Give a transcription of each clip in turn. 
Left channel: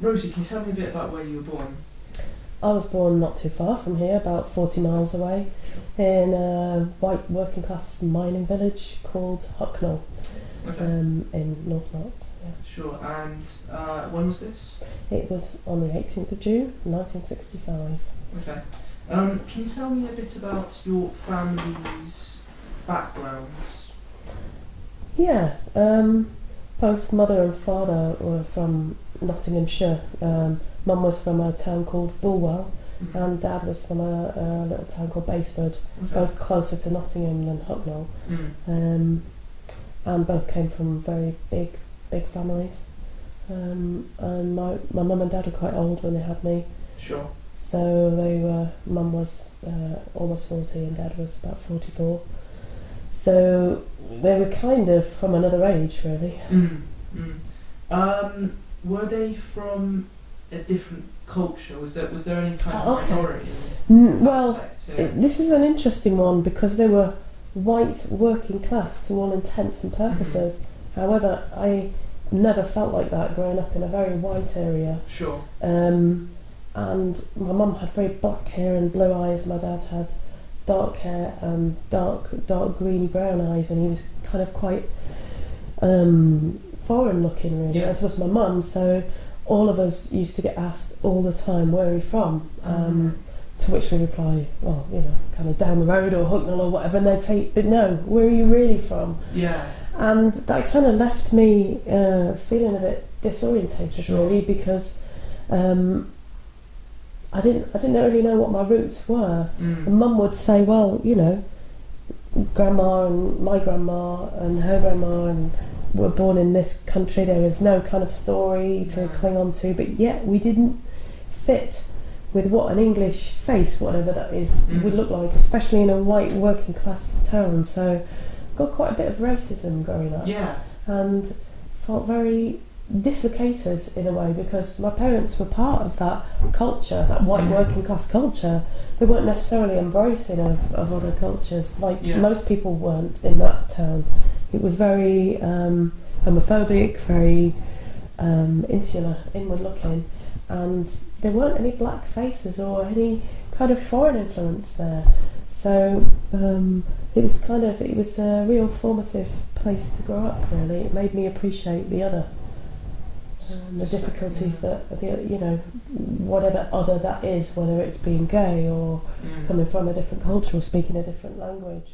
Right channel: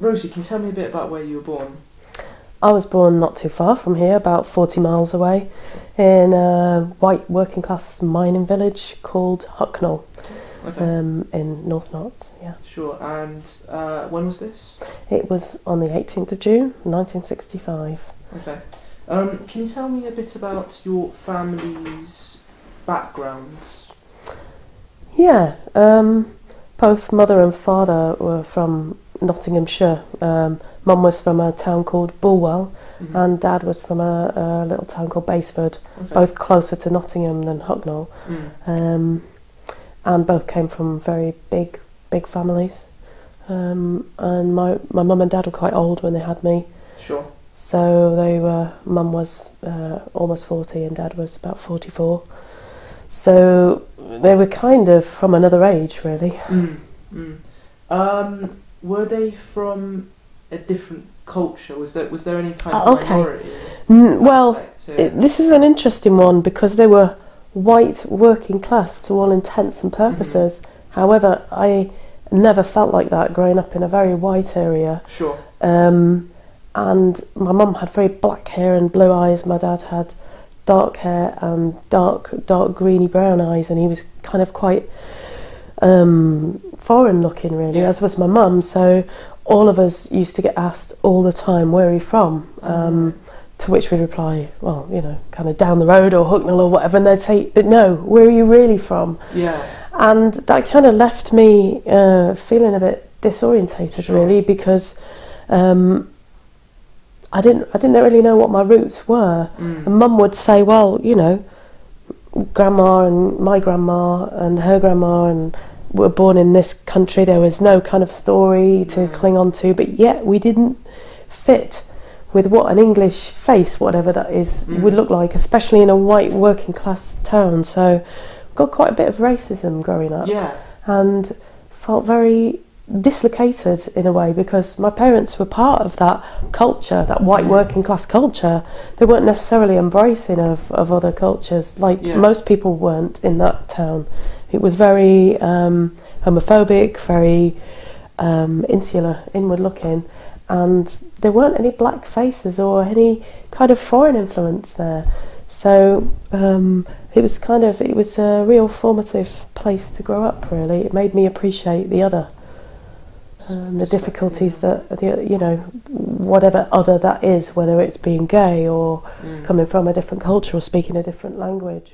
Rosie, can you tell me a bit about where you were born? I was born not too far from here, about 40 miles away, in a white working class mining village called Hucknall, Okay. in North Notts. Yeah. Sure. And when was this? It was on the 18th of June, 1965. Okay. Can you tell me a bit about your family's backgrounds? Yeah, both mother and father were from Nottinghamshire. Mum was from a town called Bulwell, and Dad was from a little town called Basford, both closer to Nottingham than Hucknall. And both came from very big families. And my mum and dad were quite old when they had me. Sure. So mum was almost 40 and dad was about 44. So they were kind of from another age, really. Were they from a different culture? Was there any kind of minority? This is an interesting one because they were white working class to all intents and purposes. However, I never felt like that growing up in a very white area. Sure. And my mum had very black hair and blue eyes. My dad had dark hair and dark greeny brown eyes, and he was kind of quite foreign looking, really, as was my mum. So all of us used to get asked all the time, where are you from? To which we'd reply, well, you know, kind of down the road or Hucknall or whatever, and they'd say, but no, where are you really from? Yeah. And that kind of left me feeling a bit disorientated, really, because I didn't really know what my roots were. And Mum would say, well, you know, Grandma and my grandma and her grandma and were born in this country. There was no kind of story to cling on to, but yet we didn't fit with what an English face, whatever that is, would look like, especially in a white working class town. So got quite a bit of racism growing up, and felt very dislocated in a way because my parents were part of that culture, that white working class culture. They weren't necessarily embracing of other cultures, like most people weren't in that town. It was very homophobic, very insular, inward looking, and there weren't any black faces or any kind of foreign influence there. So it was a real formative place to grow up, really. It made me appreciate the other. The difficulties that, you know, whatever other that is, whether it's being gay or coming from a different culture or speaking a different language.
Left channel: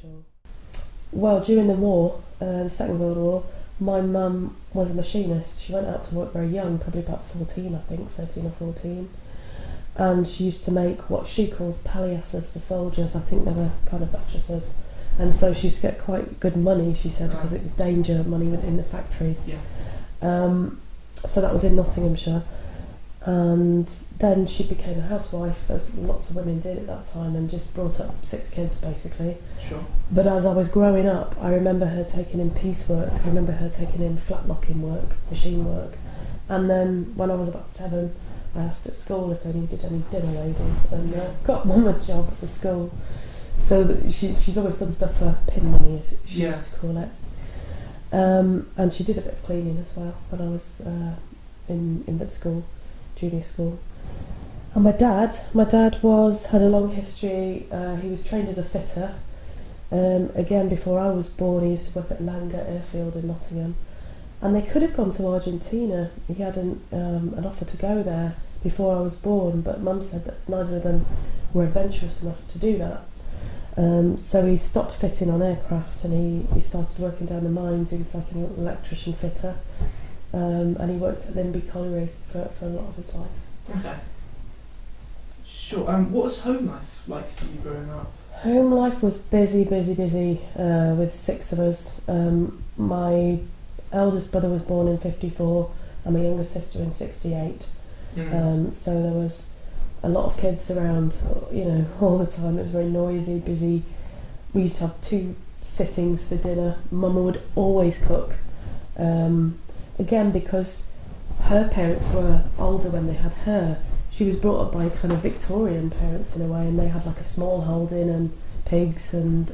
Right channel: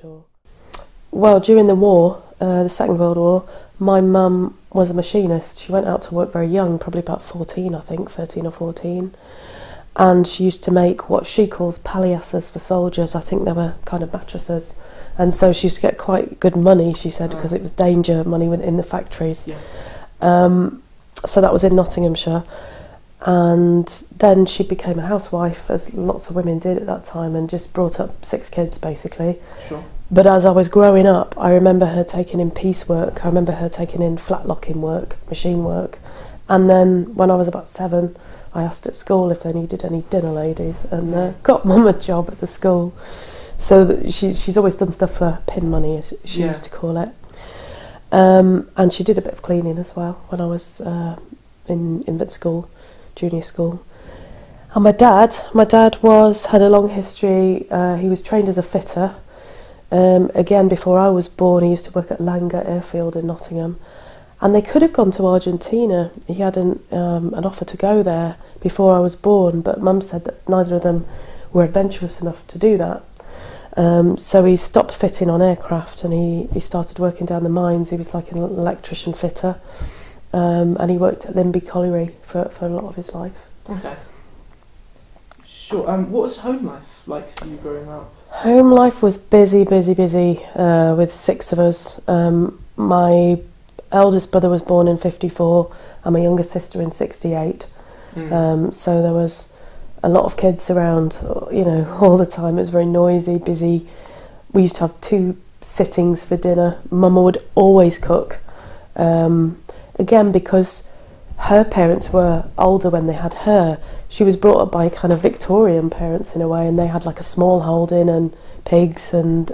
Well, during the war, the Second World War, my mum was a machinist. She went out to work very young, probably about 14, I think, 13 or 14. And she used to make what she calls palliasses for soldiers. I think they were kind of mattresses. And so she used to get quite good money, she said, because it was danger money within the factories. So that was in Nottinghamshire, and then she became a housewife, as lots of women did at that time, and just brought up 6 kids basically. Sure. But as I was growing up, I remember her taking in piecework, I remember her taking in flat locking work, machine work, and then when I was about 7, I asked at school if they needed any dinner ladies, and got Mum a job at the school. So she's always done stuff for pin money, as she used to call it. And she did a bit of cleaning as well when I was in infant school, junior school. And my dad had a long history. He was trained as a fitter. Again, before I was born, he used to work at Langer Airfield in Nottingham. And they could have gone to Argentina. He had an offer to go there before I was born, but Mum said that neither of them were adventurous enough to do that. So he stopped fitting on aircraft and he started working down the mines. He was like an electrician fitter, and he worked at Limby Colliery for a lot of his life. Okay. Sure. What was home life like for you growing up? Home life was busy with 6 of us. My eldest brother was born in 54 and my younger sister in 68. So there was a lot of kids around, you know, all the time. It was very noisy, busy. We used to have 2 sittings for dinner. Mum would always cook. Again, because her parents were older when they had her, she was brought up by kind of Victorian parents in a way, and they had like a small holding and pigs and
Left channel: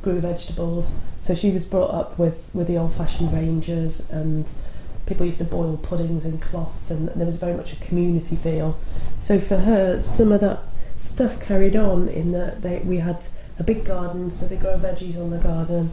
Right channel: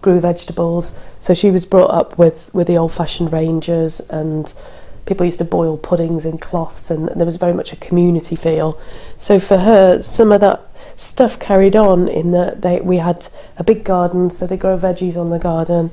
grew vegetables. So she was brought up with the old-fashioned Rangers and people used to boil puddings in cloths, and there was very much a community feel. So for her, some of that stuff carried on in that we had a big garden, so they grow veggies on the garden.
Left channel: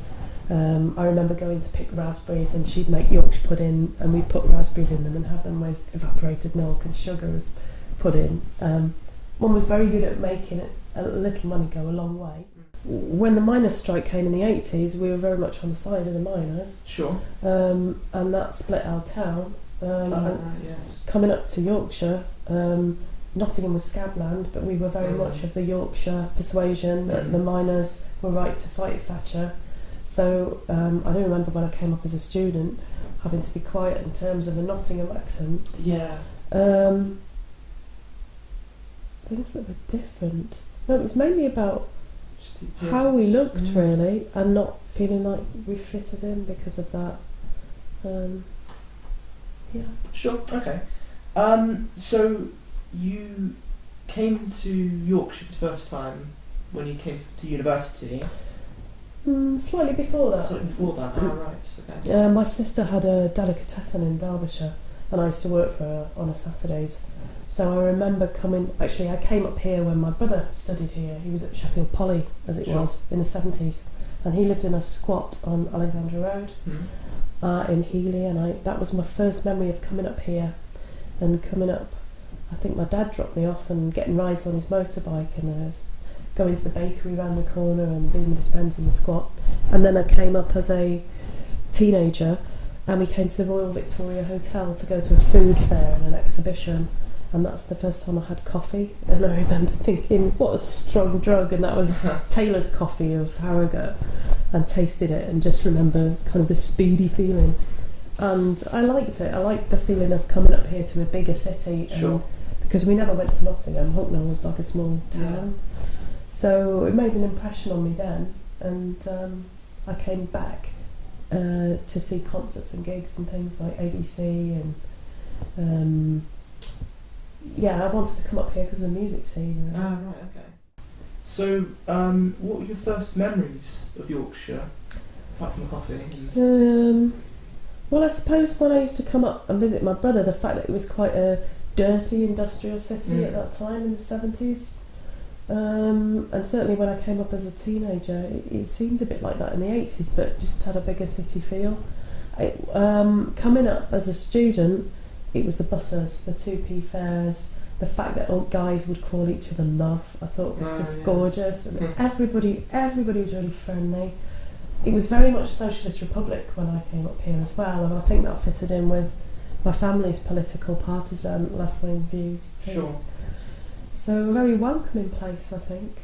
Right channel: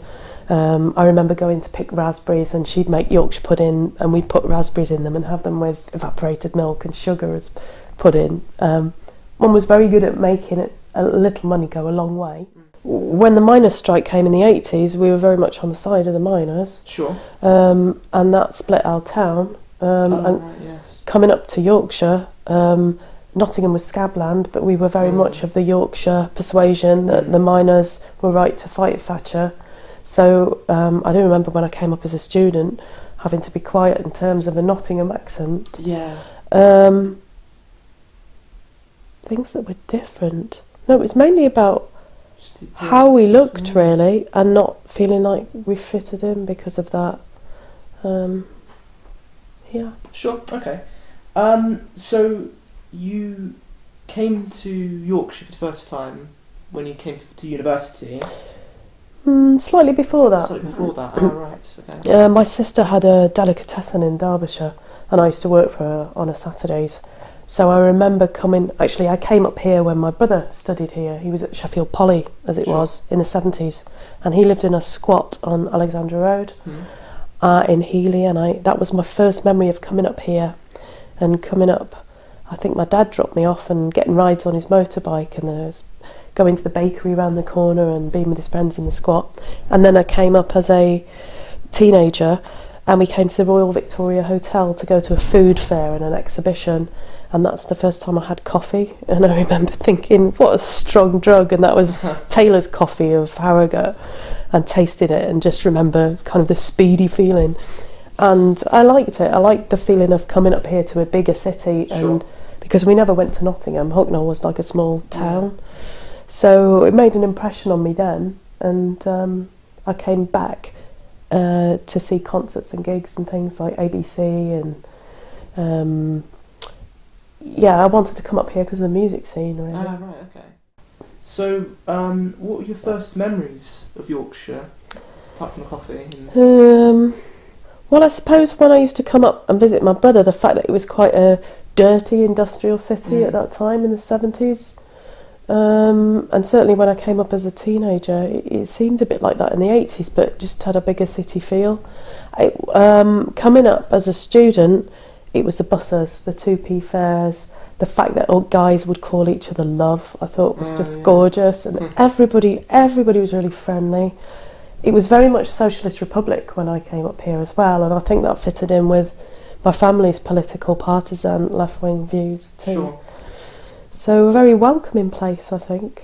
I remember going to pick raspberries, and she'd make Yorkshire pudding, and we'd put raspberries in them and have them with evaporated milk and sugar as pudding. Mum was very good at making a little money go a long way. When the miners' strike came in the 80s, we were very much on the side of the miners. Sure. And that split our town. Right, yes. Coming up to Yorkshire, Nottingham was scabland, but we were very much of the Yorkshire persuasion that the miners were right to fight Thatcher. So I do remember when I came up as a student having to be quiet in terms of a Nottingham accent. Yeah. Things that were different. No, it was mainly about how we looked, really, and not feeling like we fitted in because of that. Yeah. Sure, okay. So you came to Yorkshire for the first time when you came to university? Slightly before that. Slightly before that, right, okay. My sister had a delicatessen in Derbyshire, and I used to work for her on a Saturdays. So I remember I came up here when my brother studied here. He was at Sheffield Poly, as it was, in the 70s. And he lived in a squat on Alexandra Road in Healy. And that was my first memory of coming up here. And coming up, I think my dad dropped me off and getting rides on his motorbike. And there was going to the bakery round the corner and being with his friends in the squat. And then I came up as a teenager, and we came to the Royal Victoria Hotel to go to a food fair and an exhibition. And that's the first time I had coffee, and I remember thinking, what a strong drug, and that was Taylor's coffee of Harrogate, and tasted it and just remember kind of the speedy feeling. And I liked it. I liked the feeling of coming up here to a bigger city, and because we never went to Nottingham, Hucknall was like a small town. So it made an impression on me then, and I came back to see concerts and gigs and things like ABC, and I wanted to come up here because of the music scene, really. Ah, right, okay. So, what were your first memories of Yorkshire, apart from the coffee? Well, I suppose when I used to come up and visit my brother, the fact that it was quite a dirty industrial city at that time in the 70s. And certainly when I came up as a teenager, it seemed a bit like that in the 80s, but just had a bigger city feel. Coming up as a student, it was the buses, the 2p fares, the fact that old guys would call each other love, I thought was just gorgeous, and everybody was really friendly. It was very much Socialist Republic when I came up here as well, and I think that fitted in with my family's political partisan left-wing views too. Sure. So a very welcoming place, I think,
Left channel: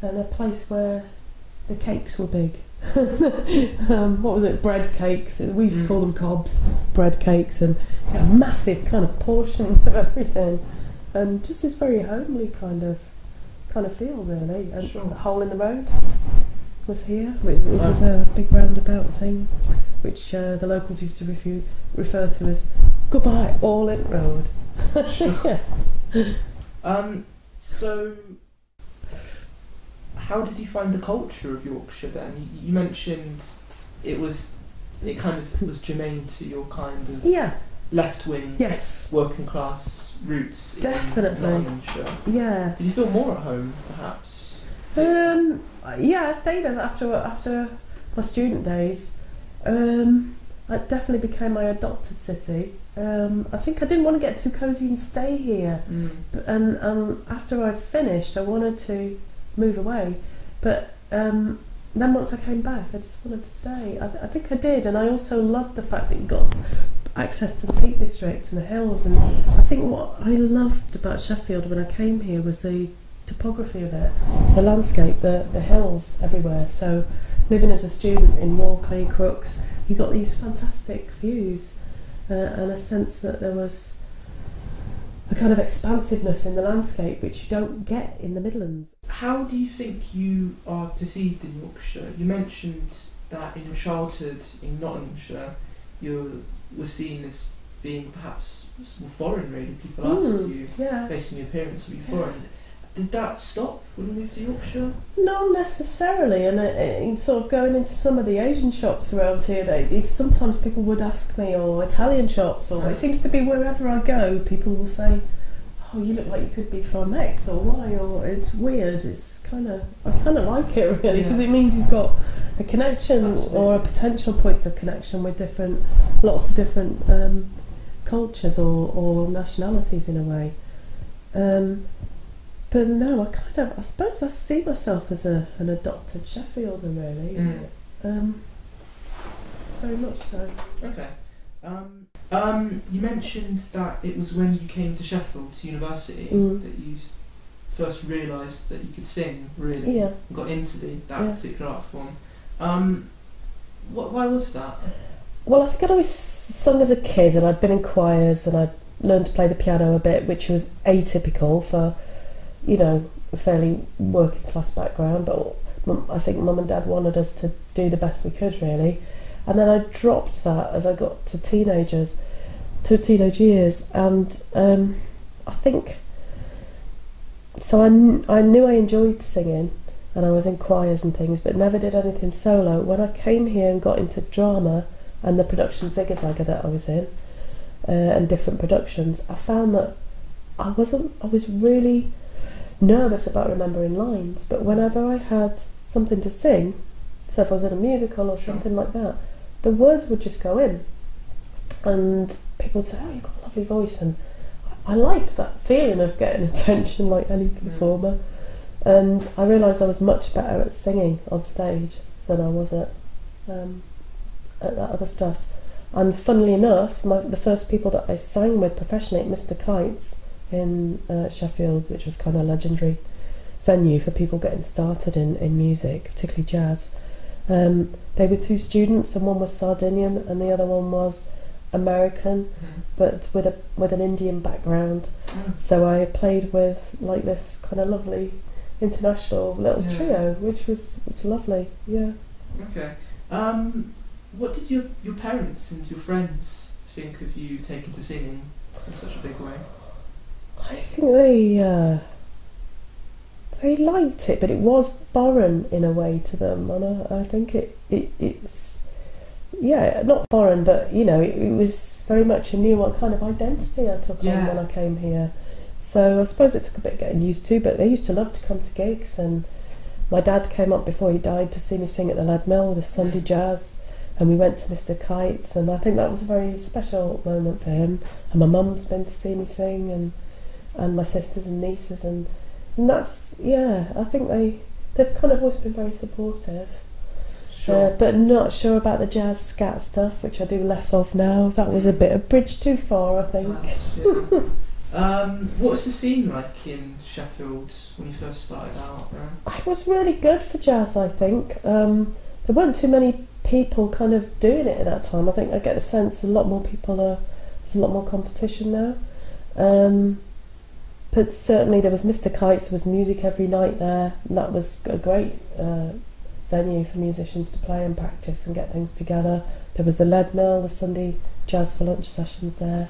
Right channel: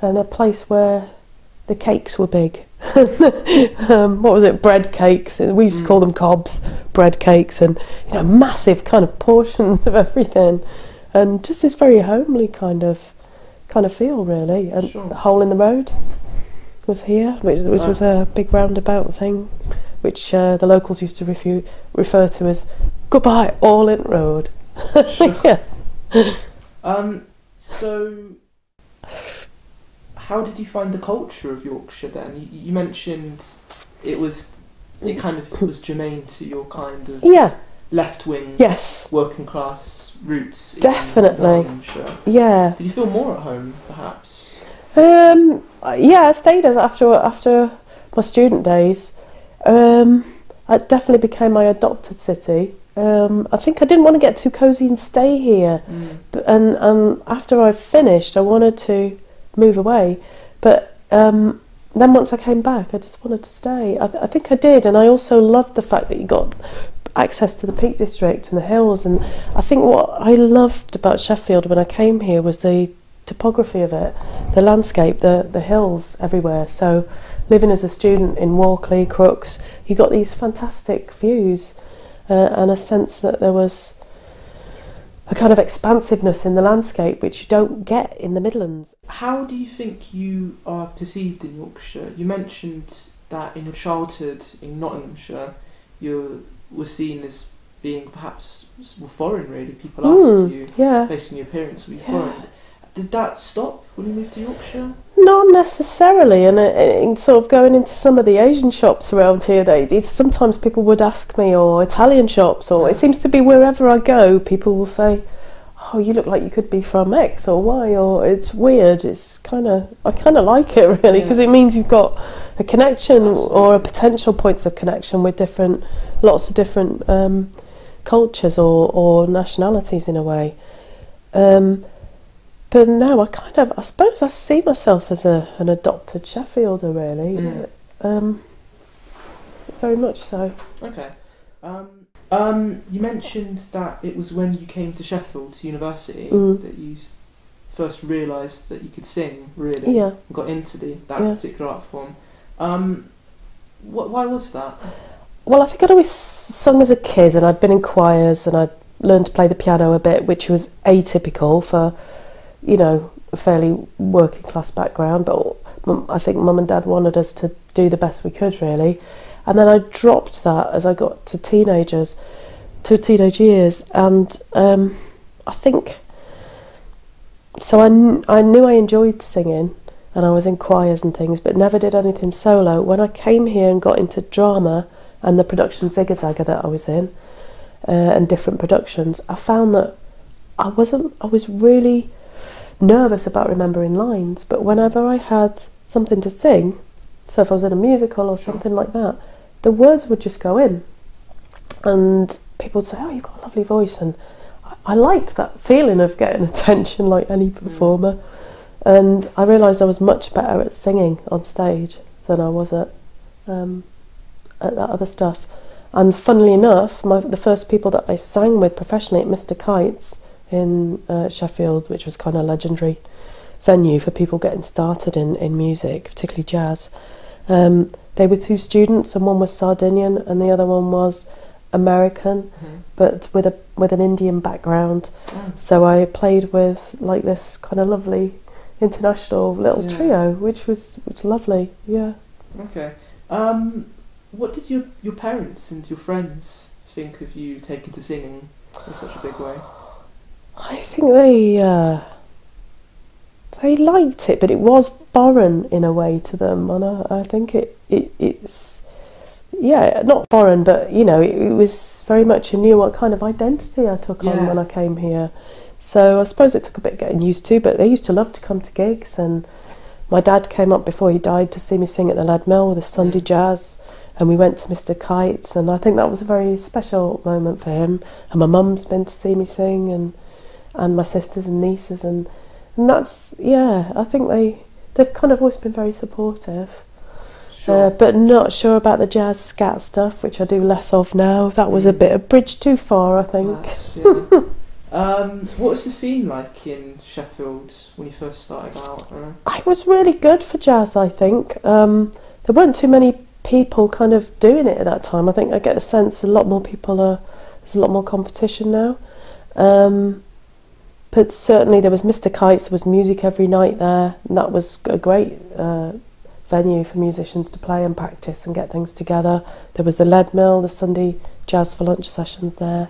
and a place where the cakes were big. What was it? Bread cakes. We used to call them cobs, bread cakes, and massive kind of portions of everything, and just this very homely kind of feel, really. And the hole in the road was here, which was a big roundabout thing, which the locals used to refer to as "Goodbye, All in Road." Sure. So, how did you find the culture of Yorkshire then? You mentioned it kind of was germane to your kind of left-wing, working class roots. Definitely. In Yorkshire. Yeah. Did you feel more at home, perhaps? I stayed after my student days. It definitely became my adopted city. I think I didn't want to get too cosy and stay here, and after I finished, I wanted to move away, but then once I came back, I just wanted to stay. I think I did, and I also loved the fact that you got access to the Peak District and the hills, and I think what I loved about Sheffield when I came here was the topography of it, the landscape, the hills everywhere. So living as a student in Walkley, Crooks, you got these fantastic views. And a sense that there was a kind of expansiveness in the landscape which you don't get in the Midlands. How do you think you are perceived in Yorkshire? You mentioned that in your childhood in Nottinghamshire you were seen as being perhaps foreign, really. People asked you, based on your appearance, were you foreign? Did that stop when you moved to Yorkshire? Not necessarily, and sort of going into some of the Asian shops around here, sometimes people would ask me, or Italian shops, or it seems to be wherever I go, people will say, "Oh, you look like you could be from X or Y," or it's weird. I kind of like it really, because it means you've got a connection. Absolutely. Or a potential points of connection with lots of different cultures or nationalities in a way. But no, I suppose I see myself as an adopted Sheffielder, really. Very much so. Okay. You mentioned that it was when you came to Sheffield to university that you first realised that you could sing, really, and got into that particular art form. Why was that? Well, I think I'd always sung as a kid, and I'd been in choirs, and I'd learned to play the piano a bit, which was atypical for, a fairly working class background, but I think Mum and Dad wanted us to do the best we could, really. And then I dropped that as I got to teenage years, and I think so. I knew I enjoyed singing, and I was in choirs and things, but never did anything solo. When I came here and got into drama and the production Zigga Zagga that I was in, and different productions, I found that I was really nervous about remembering lines, but whenever I had something to sing, so if I was in a musical or something like that, the words would just go in, and people would say, "Oh, you've got a lovely voice," and I liked that feeling of getting attention like any performer. And I realised I was much better at singing on stage than I was at that other stuff. And funnily enough, the first people that I sang with professionally at Mr. Kite's in Sheffield, which was kind of a legendary venue for people getting started in music, particularly jazz, they were two students, and one was Sardinian and the other one was American, but with an Indian background. So I played with like this kind of lovely international little trio, which was lovely. Yeah. Okay. What did your parents and your friends think of you taking to singing in such a big way? I think they liked it, but it was foreign in a way to them, and I think it's not foreign, but it was very much a new kind of identity I took on when I came here. So I suppose it took a bit getting used to, but they used to love to come to gigs, and my dad came up before he died to see me sing at the Lead Mill with the Sunday Jazz, and we went to Mr. Kite's, and I think that was a very special moment for him. And my mum's been to see me sing, and my sisters and nieces, and that's, I think they've kind of always been very supportive. Sure. But not sure about the jazz scat stuff, which I do less of now. That was a bit of bridge too far, I think. What was the scene like in Sheffield when you first started out? It was really good for jazz, I think. There weren't too many people kind of doing it at that time. I think I get the sense there's a lot more competition now. But certainly there was Mr. Kite's, there was music every night there, and that was a great venue for musicians to play and practice and get things together. There was the Lead Mill, the Sunday Jazz for Lunch sessions there.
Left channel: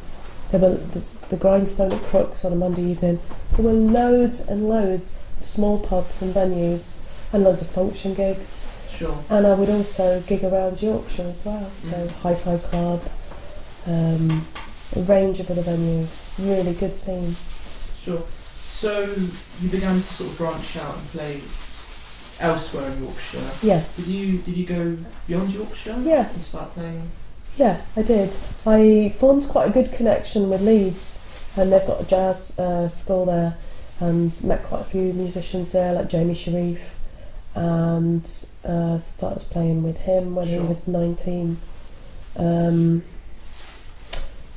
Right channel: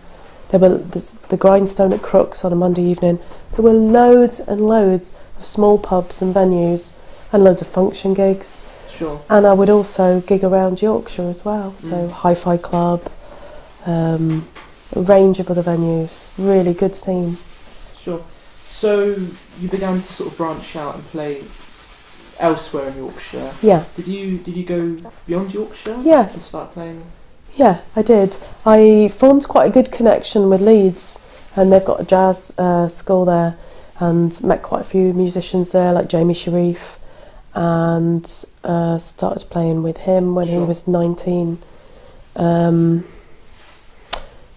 There were the Grindstone at Crooks on a Monday evening. There were loads and loads of small pubs and venues and loads of function gigs. Sure. And I would also gig around Yorkshire as well, so Hi-Fi Club, a range of other venues. Really good scene. Sure. So you began to sort of branch out and play elsewhere in Yorkshire. Yeah. Did you go beyond Yorkshire? Yes. And start playing? Yeah, I did. I formed quite a good connection with Leeds, and they've got a jazz school there, and met quite a few musicians there, like Jamie Sharif, and started playing with him when he was 19.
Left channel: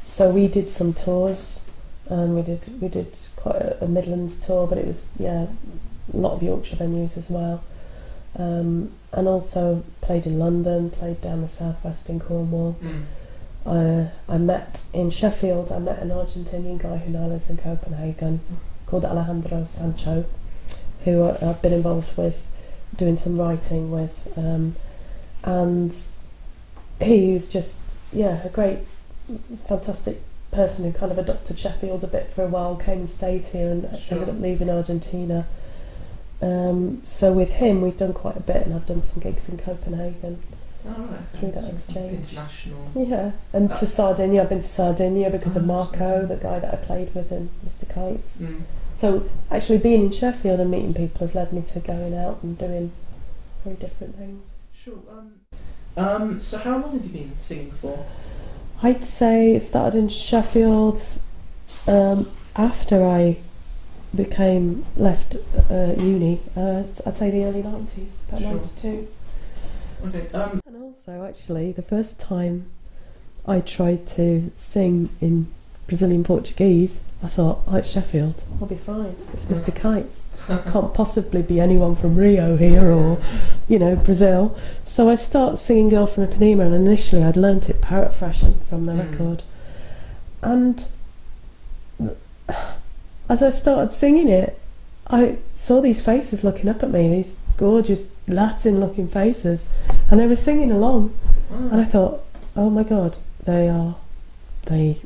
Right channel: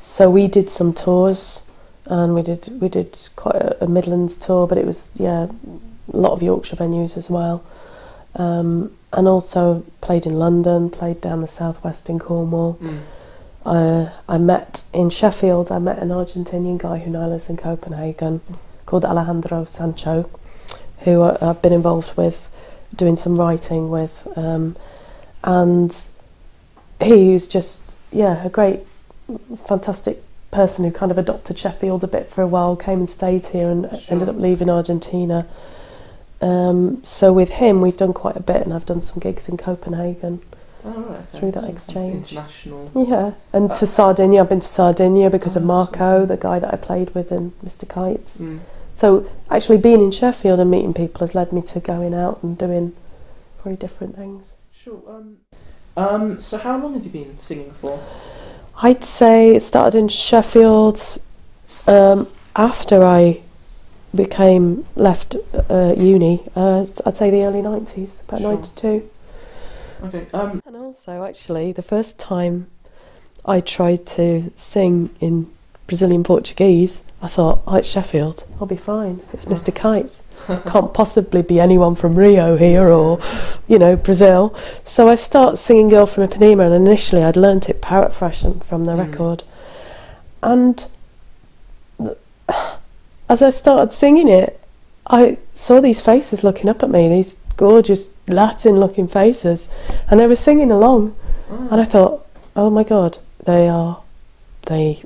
So we did some tours, and we did quite a Midlands tour, but it was a lot of Yorkshire venues as well. And also played in London, played down the southwest in Cornwall. I met in Sheffield, I met an Argentinian guy who now lives in Copenhagen called Alejandro Sancho, who I've been involved with doing some writing with. And he was just, a great, fantastic person who kind of adopted Sheffield a bit for a while, came and stayed here and ended up leaving Argentina. So with him we've done quite a bit, and I've done some gigs in Copenhagen through that exchange. International. Yeah, and to Sardinia. I've been to Sardinia because of Marco, the guy that I played with in Mr. Kites. So actually being in Sheffield and meeting people has led me to going out and doing very different things. Sure. So how long have you been singing for? I'd say it started in Sheffield after I left uni. I'd say the early 90s, about 92. Okay. And also, actually, the first time I tried to sing in Brazilian Portuguese, I thought, oh, it's Sheffield, I'll be fine. It's Mr. Kites. Can't possibly be anyone from Rio here or, you know, Brazil. So I started singing Girl from Ipanema, and initially I'd learnt it parrot-fresh from the record. And as I started singing it, I saw these faces looking up at me, these gorgeous Latin-looking faces, and they were singing along. And I thought, oh my God, they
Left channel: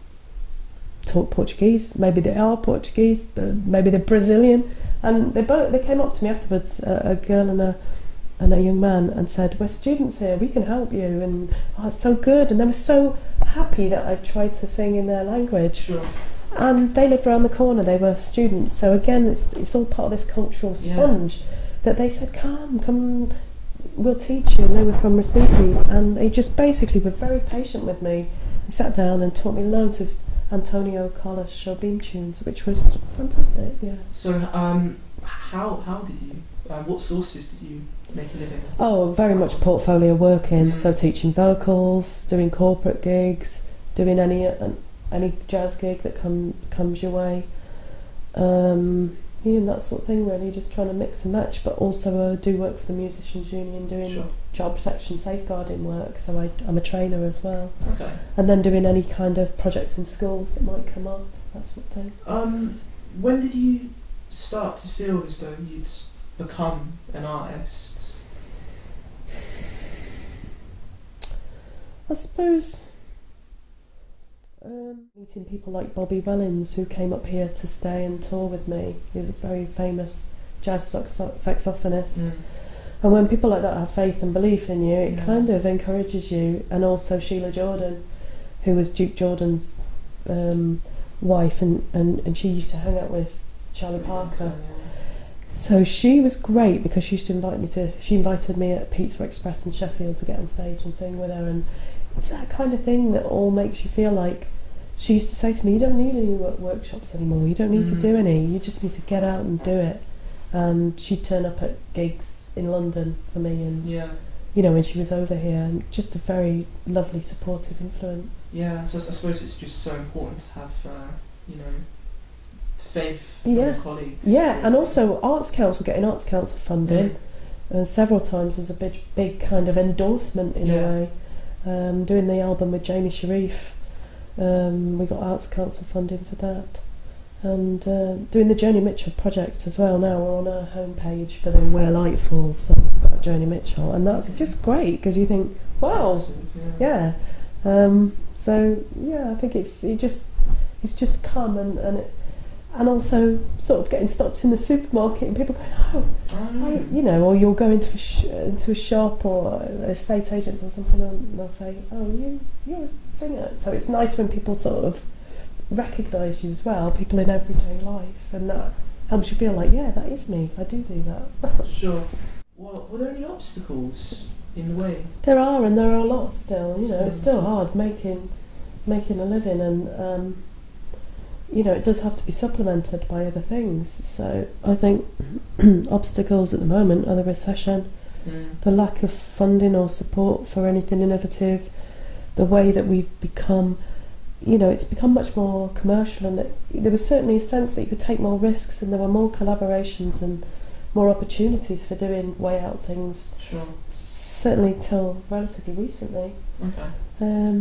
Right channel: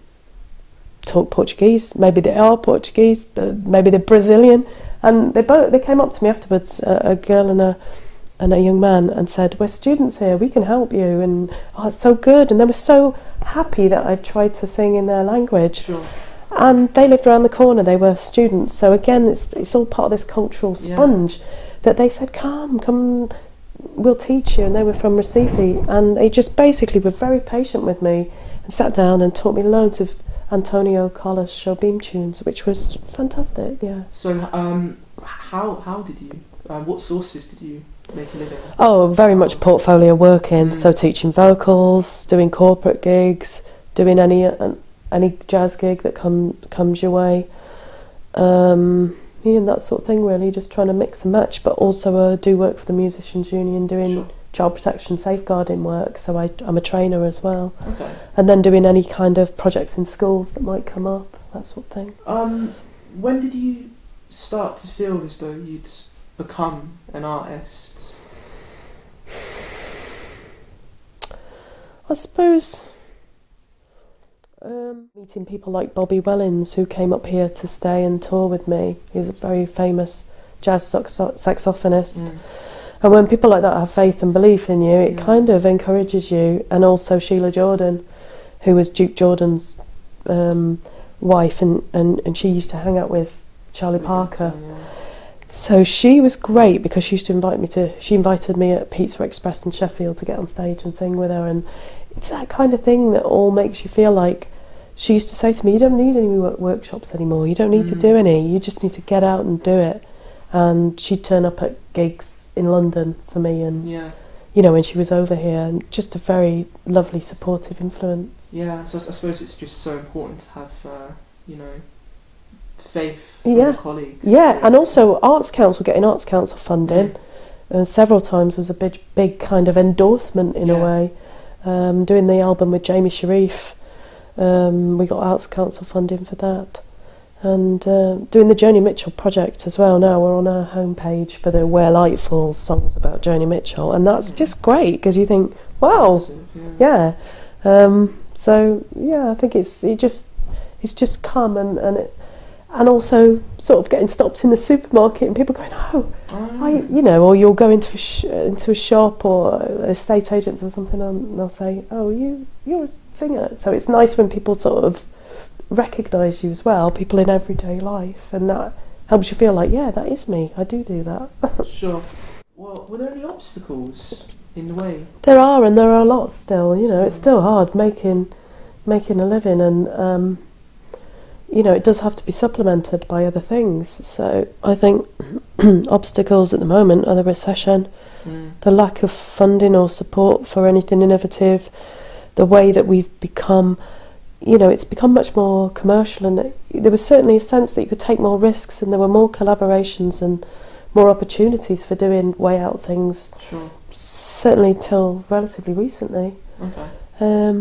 talk Portuguese. Maybe they are Portuguese, but maybe they're Brazilian. And they came up to me afterwards, a girl and a young man, and said, we're students here, we can help you, and oh, it's so good. And they were so happy that I tried to sing in their language. Sure. And they lived around the corner, they were students, so again it's all part of this cultural sponge that they said, come, we'll teach you. And they were from Recife, and they just basically were very patient with me and sat down and taught me loads of Antonio Carlos Jobim tunes, which was fantastic. So how did you, what sources did you make a living? Oh, very much portfolio working, so teaching vocals, doing corporate gigs, doing any jazz gig that comes your way, and that sort of thing, really, just trying to mix and match, but also do work for the Musicians Union, doing child protection safeguarding work, so I'm a trainer as well. Okay. And then doing any kind of projects in schools that might come up, that sort of thing. When did you start to feel as though you'd become an artist? I suppose meeting people like Bobby Wellins, who came up here to stay and tour with me. He's a very famous jazz saxophonist. And when people like that have faith and belief in you, it kind of encourages you. And also Sheila Jordan, who was Duke Jordan's wife, and she used to hang out with Charlie Parker. So she was great, because she used to she invited me at Pizza Express in Sheffield to get on stage and sing with her. And it's that kind of thing that all makes you feel like, she used to say to me, you don't need any workshops anymore, you don't need to do any, you just need to get out and do it. And she'd turn up at gigs in London for me, and you know, when she was over here, and just a very lovely, supportive influence. Yeah, so I suppose it's just so important to have, faith from your colleagues. Yeah, and also getting Arts Council funding. Several times was a big kind of endorsement in a way. Doing the album with Jamie Sharif, we got Arts Council funding for that. And doing the Joni Mitchell project as well. Now we're on our homepage for the Where Light Falls songs about Joni Mitchell, and that's just great, because you think, wow, so yeah, I think it's just come, and also sort of getting stopped in the supermarket and people going, or you'll go into a shop or estate agents or something, and they'll say, oh, you're a singer. So it's nice when people sort of recognise you as well, people in everyday life, and that helps you feel like, yeah, that is me, I do that. Sure. Well, were there any obstacles in the way? There are, and there are a lot still. It's still hard making a living, and it does have to be supplemented by other things. So I think obstacles at the moment are the recession, the lack of funding or support for anything innovative, the way that we've become, it's become much more commercial, and there was certainly a sense that you could take more risks, and there were more collaborations and more opportunities for doing way out things. Sure. Certainly till relatively recently. Okay.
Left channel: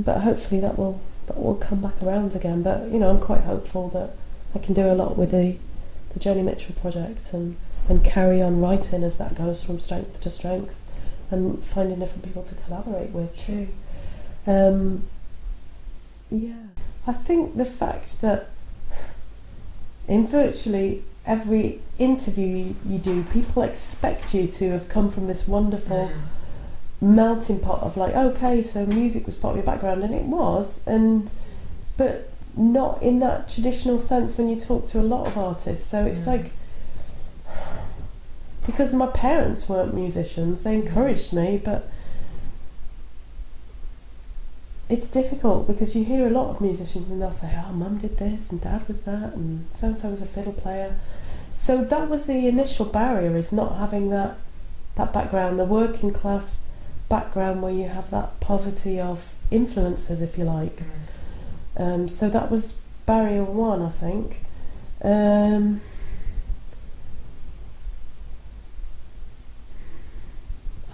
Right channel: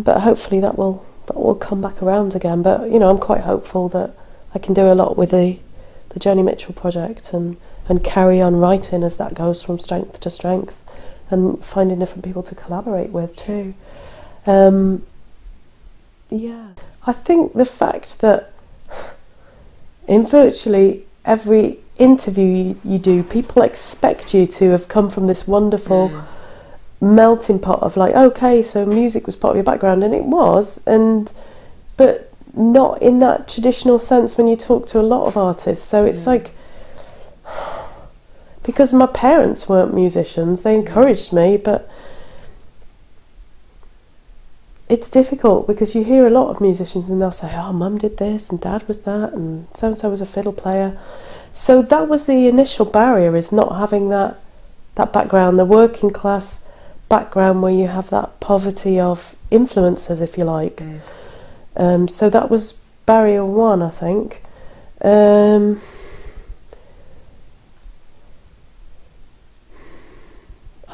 But hopefully that will come back around again. But I'm quite hopeful that I can do a lot with the Joni Mitchell project, and carry on writing as that goes from strength to strength, and finding different people to collaborate with too. I think the fact that in virtually every interview you do, people expect you to have come from this wonderful melting pot of like, okay, so music was part of your background, and it was, but not in that traditional sense when you talk to a lot of artists. So it's like, because my parents weren't musicians, they encouraged me, but it's difficult because you hear a lot of musicians and they'll say, oh, mum did this and dad was that and so-and-so was a fiddle player. So that was the initial barrier, is not having that background, the working class background where you have that poverty of influences, if you like. So that was barrier one, I think. I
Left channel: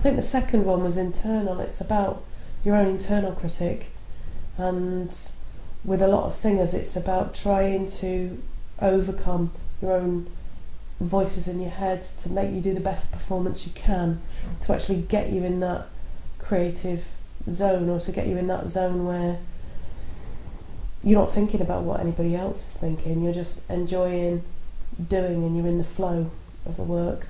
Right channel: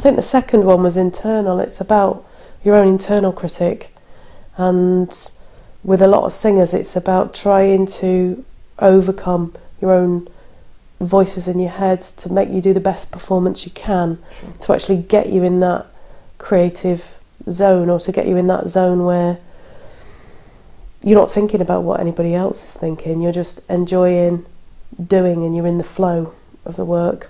think the second one was internal. It's about your own internal critic, and with a lot of singers it's about trying to overcome your own voices in your head to make you do the best performance you can, to actually get you in that creative zone, or to get you in that zone where you're not thinking about what anybody else is thinking, you're just enjoying doing and you're in the flow of the work.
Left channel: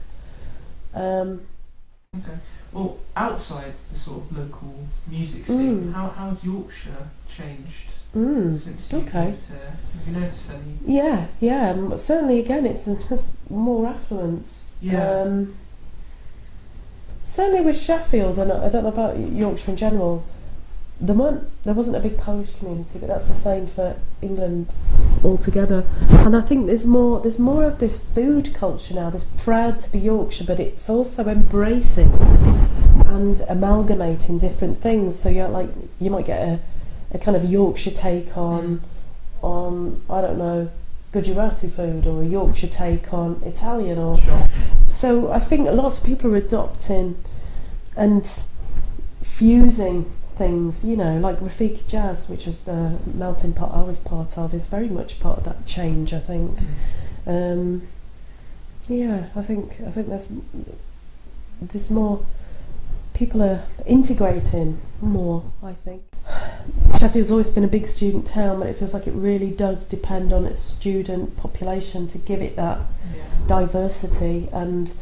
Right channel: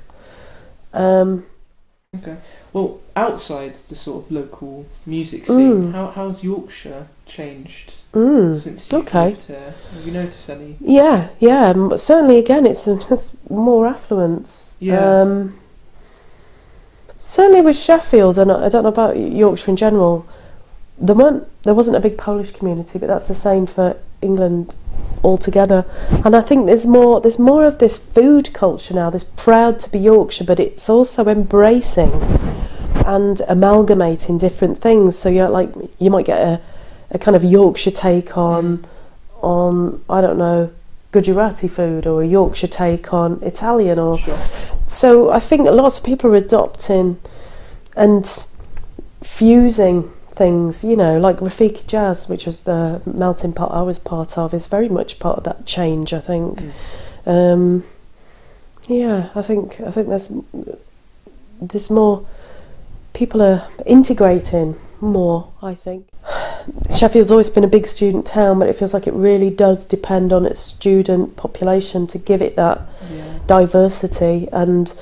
Okay. Well, outside the sort of local music scene, how's Yorkshire changed since you've lived here? Have you noticed any? Yeah, but certainly again it's more affluence. Yeah. Certainly with Sheffield, and I don't know about Yorkshire in general, there wasn't a big Polish community, but that's the same for England altogether. And I think there's more of this food culture now, this proud to be Yorkshire, but it's also embracing and amalgamating different things. So you might get a kind of Yorkshire take on I don't know, Gujarati food, or a Yorkshire take on Italian, or so I think lots of people are adopting and fusing things, like Rafiki Jazz, which was the melting pot I was part of, is very much part of that change, I think. I think there's more, people are integrating more, I think. Sheffield's always been a big student town, but it feels like it really does depend on its student population to give it that diversity. And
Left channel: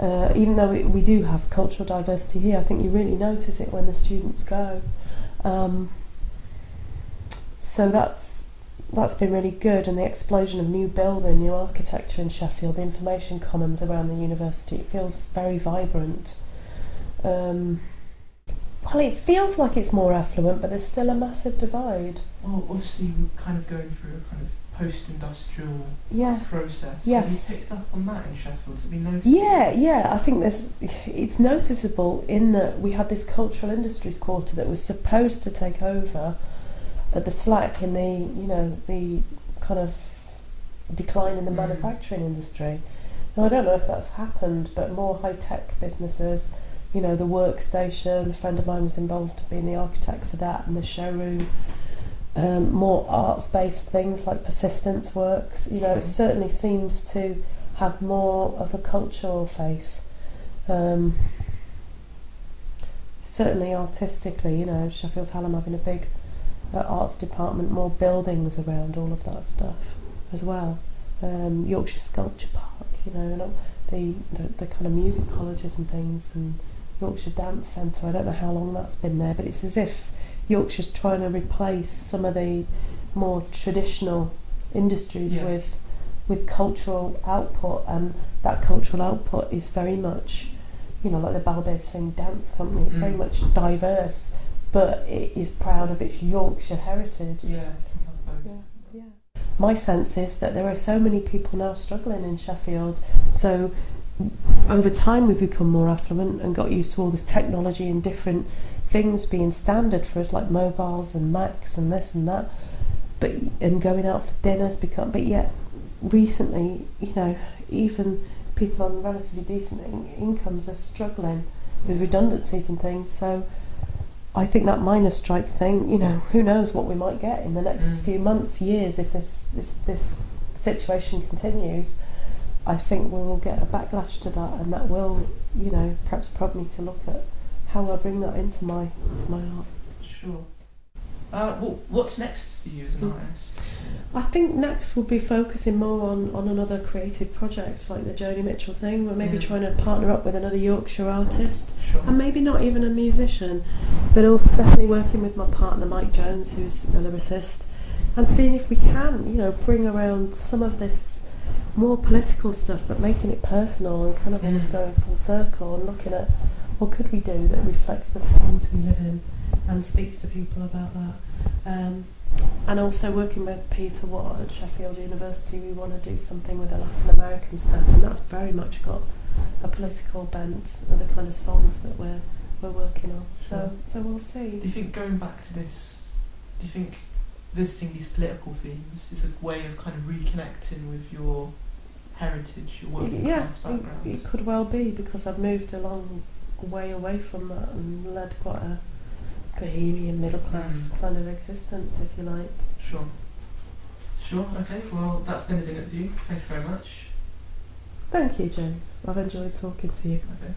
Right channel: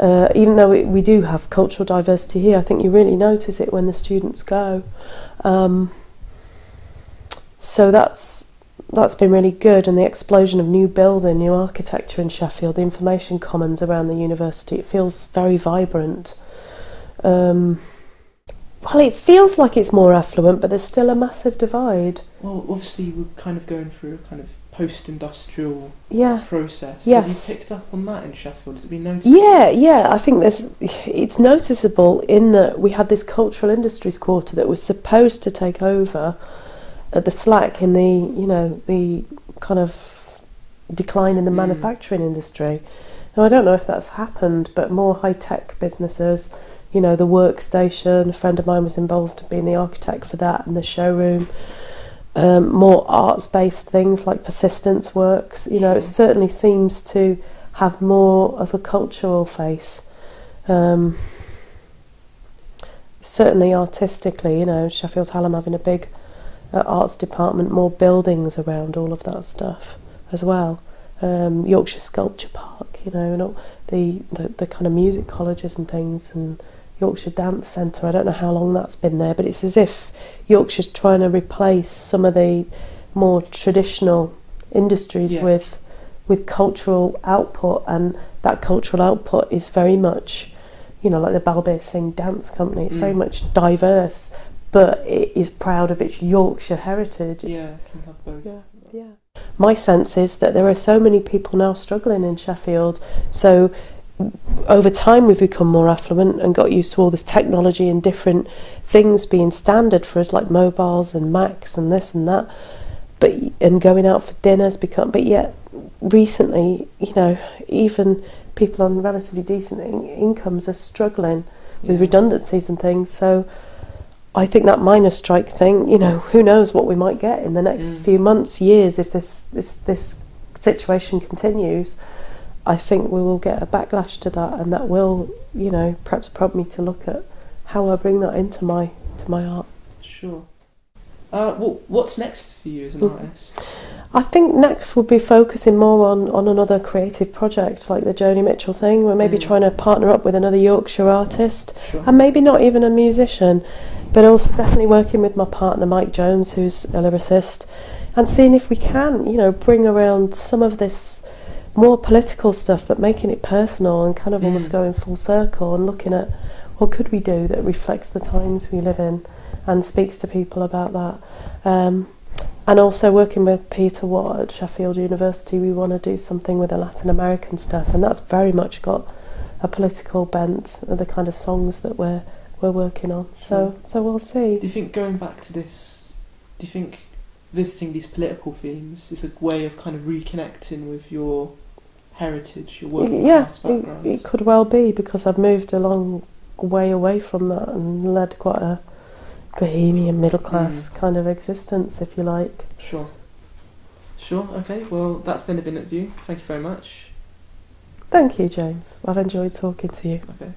even though we do have cultural diversity here, I think you really notice it when the students go. So that's been really good, and the explosion of new building, new architecture in Sheffield, the information commons around the university, it feels very vibrant. Well, it feels like it's more affluent, but there's still a massive divide. Well, obviously we're kind of going through a kind of post-industrial process. Yes. Have you picked up on that in Sheffield? Has it been noticeable? Yeah. I think it's noticeable in that we had this cultural industries quarter that was supposed to take over the slack in the kind of decline in the manufacturing industry. Now, I don't know if that's happened, but more high-tech businesses, the workstation, a friend of mine was involved being the architect for that, and the showroom. More arts-based things like persistence works. It certainly seems to have more of a cultural face. Certainly artistically, Sheffield Hallam having a big arts department, more buildings around all of that stuff as well. Yorkshire Sculpture Park, and all the kind of music colleges and things, and Yorkshire Dance Centre. I don't know how long that's been there, but it's as if Yorkshire's trying to replace some of the more traditional industries with cultural output, and that cultural output is very much, like the Balbir Singh Dance Company. It's very much diverse, but it is proud of its Yorkshire heritage. It can have both. Yeah. My sense is that there are so many people now struggling in Sheffield, so over time we've become more affluent and got used to all this technology and different things being standard for us, like mobiles and Macs and this and that, and going out for dinners but yet recently, even people on relatively decent incomes are struggling with redundancies and things. So I think that miners' strike thing, who knows what we might get in the next few months, years, if this situation continues. I think we will get a backlash to that, and that will, perhaps prompt me to look at how I bring that into my art. Sure. What's next for you as an artist? I think next we'll be focusing more on another creative project like the Joni Mitchell thing. We're maybe trying to partner up with another Yorkshire artist, and maybe not even a musician, but also definitely working with my partner Mike Jones, who's a lyricist, and seeing if we can, bring around some of this more political stuff, but making it personal and kind of almost going full circle and looking at what could we do that reflects the times we live in and speaks to people about that. And also working with Peter Watt at Sheffield University, we want to do something with the Latin American stuff, and that's very much got a political bent of the kind of songs that we're working on. So we'll see. Do you think going back to this, do you think visiting these political themes is a way of kind of reconnecting with your heritage, your working class background? It could well be, because I've moved a long way away from that and led quite a bohemian middle class kind of existence, if you like. Sure, okay, well that's the end of View. Thank you very much. Thank you, James. I've enjoyed talking to you. Okay.